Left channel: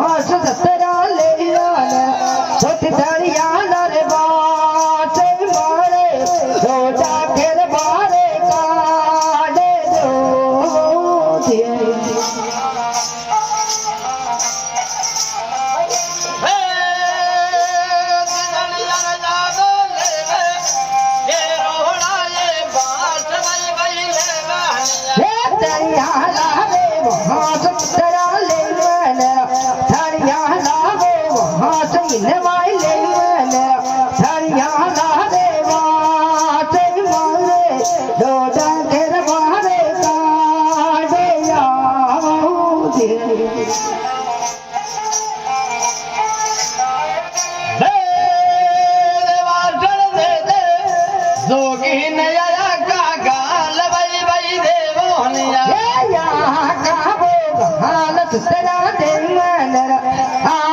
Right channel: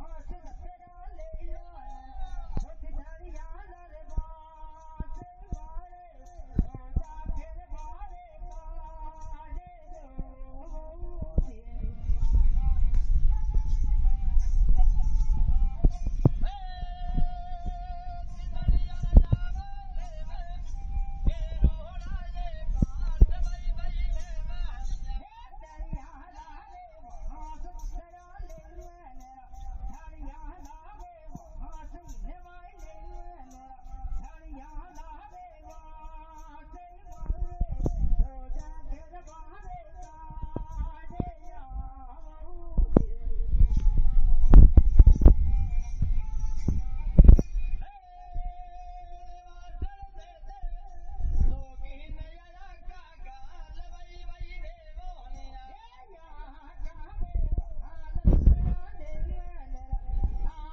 हास सतरा ले आना छोटी धड़िया नर बाटे मारे रोजा फिर मारे काले दो तेरा देवन आ